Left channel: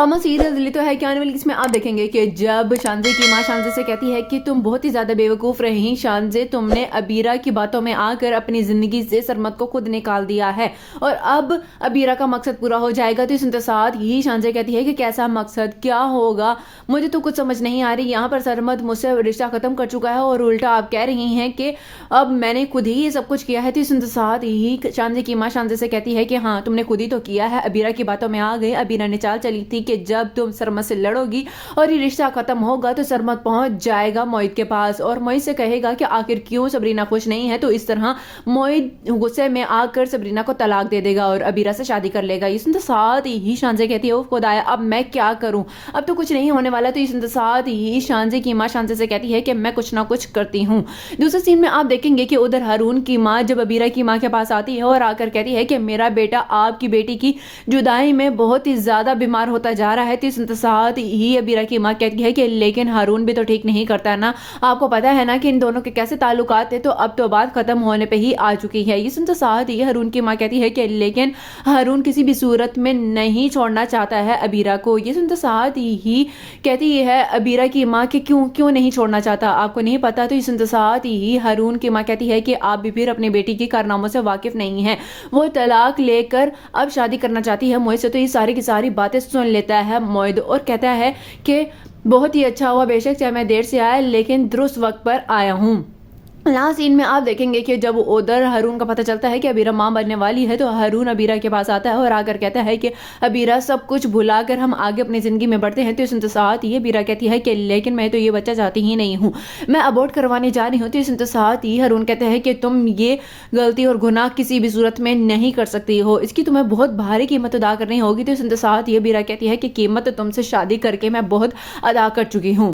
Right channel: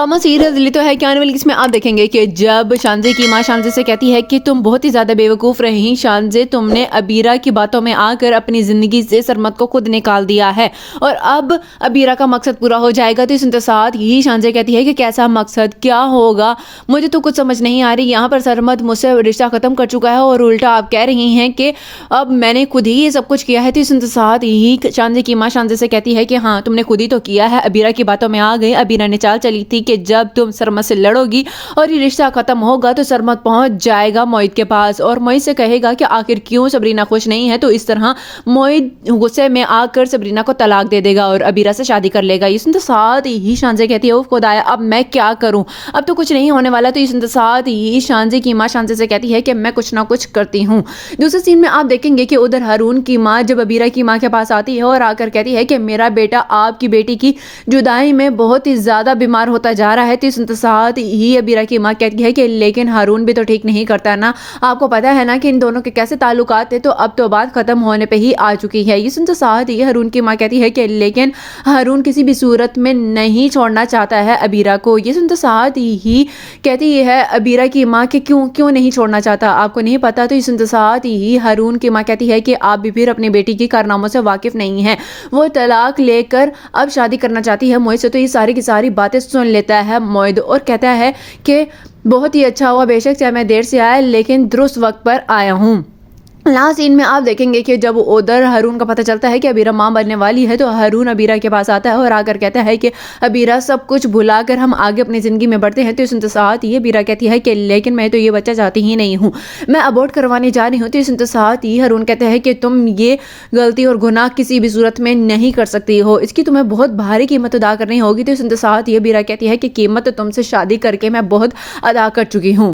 Drama serial Delhi तो है कि आने वाली इसमें आप देखेंगे कि जब शानजे की मां शानजे से कहती है कि तुम बहुत ही ज्यादा बेवकूफ रही शानजे, तुमने अबीरा की बातों में आकर अपनी जिंदगी से सरमत को खुद निकाल दिया है और अब अबीरा का मकसद पूरा हो जाएगा। तो इस साथ ही शानजे कहती है कि कैसा मकसद, क्या होगा, मुझे तो कुछ समझ नहीं आ रही। यहाँ पर सरमत मुझसे रिश्ता खत्म कर चुका है और उल्टा आप कह रही हैं कि अब मैंने खुद ही ये सब कुछ किया है। तो इस साथ ही शानजे की मां शानजे से कहती है कि हाँ तुमने खुद ही तो किया है, अबीरा की बातों में आ गई। अबीरा ने चाल चली थी कि जब तुम सरमत से लड़ोगी और ये रिश्ता खत्म होगा तो सरमत पहुंच जाएगा मोहित के पास और मोहित से कहेगा कि आखिर क्यों सबरीना खुश नहीं है। तो इस तरह मोहित गुस्से में आकर सबरीना को तलाक दे देगा और अबीरा से शादी कर लेगा। इस साथ ही शानजे कहती है खुदाया अब मैं क्या करूं, अब तो कुछ नहीं होने वाला। तो इस साथ ही शानजे की मां शानजे से कहती है कि मैं कुछ ना कुछ करती हूँ। दूसरे सीन में आप देखेंगे कि उधर हारून की मां जब अबीरा की मां के पास आती है और आकर कहती है कि मेरा बेटा आपकी बेटी की जुदाई में बहुत ही ज्यादा बीमार होता जा रहा है। तो इस साथ ही अबीरा की मां कहती है कि लेकिन हारून भी तो ठीक नहीं करता ना, आपको पता है ना कि इन दोनों के कैसे ताल्लुकात थे। तो अब तो बात खत्म होने पे ही आ चुकी है। ये सुनते साथ ही हारून की मां कहती है कि लेकिन हारून किसी भी सूरत में नहीं छोड़ना चाहता है अबीरा को। ये सुनते साथ ही कहती है अबीरा की मां कि क्यों क्यों नहीं छोड़ना चाहता, आपको नहीं पता। तो ये सुनते साथ ही हारून की मां कहती है कि आप भी फिर अपनी बेटी की कारनामों से वाकिफ नहीं है, वो तलाक लेकर अब शादी करना चाहती है मोहित से। तो ये सारी की सारी बातें सुन लेता है मोहित और कहता है कि बहुत ही अच्छा हुआ, बेशक चाहे मैं देर से आया लेकिन दुरुस्त वक्त पर आया हूँ। लास्ट सीन में आप देखेंगे कि जब उधर हारून का पता चलता है कि अबीरा मां बनने वाली है तो हारून अबीरा के पास आता है और आकर कहता है कि अबीरा सब कुछ भुलाकर हम आगे अपनी ज़िंदगी में बढ़ते हैं। तो इस साथ ही अबीरा कहती है कि लेकिन मैं तो ये बच्चा चाहती ही नहीं हूँ, मैं अबॉर्ट करवाने जा रही हूँ। तो इस साथ ही हारून कहते हैं कि तुम ये गलती और गुनाह किसी भी सूरत में नहीं कर सकती हो, इसकी तुम्हें बहुत भारी कीमत अदा करनी होगी। तो इस साथ ही अबीरा कहती है कि कीमत तुमसे शादी करके मैं बहुत अदा कर चुकी हूँ।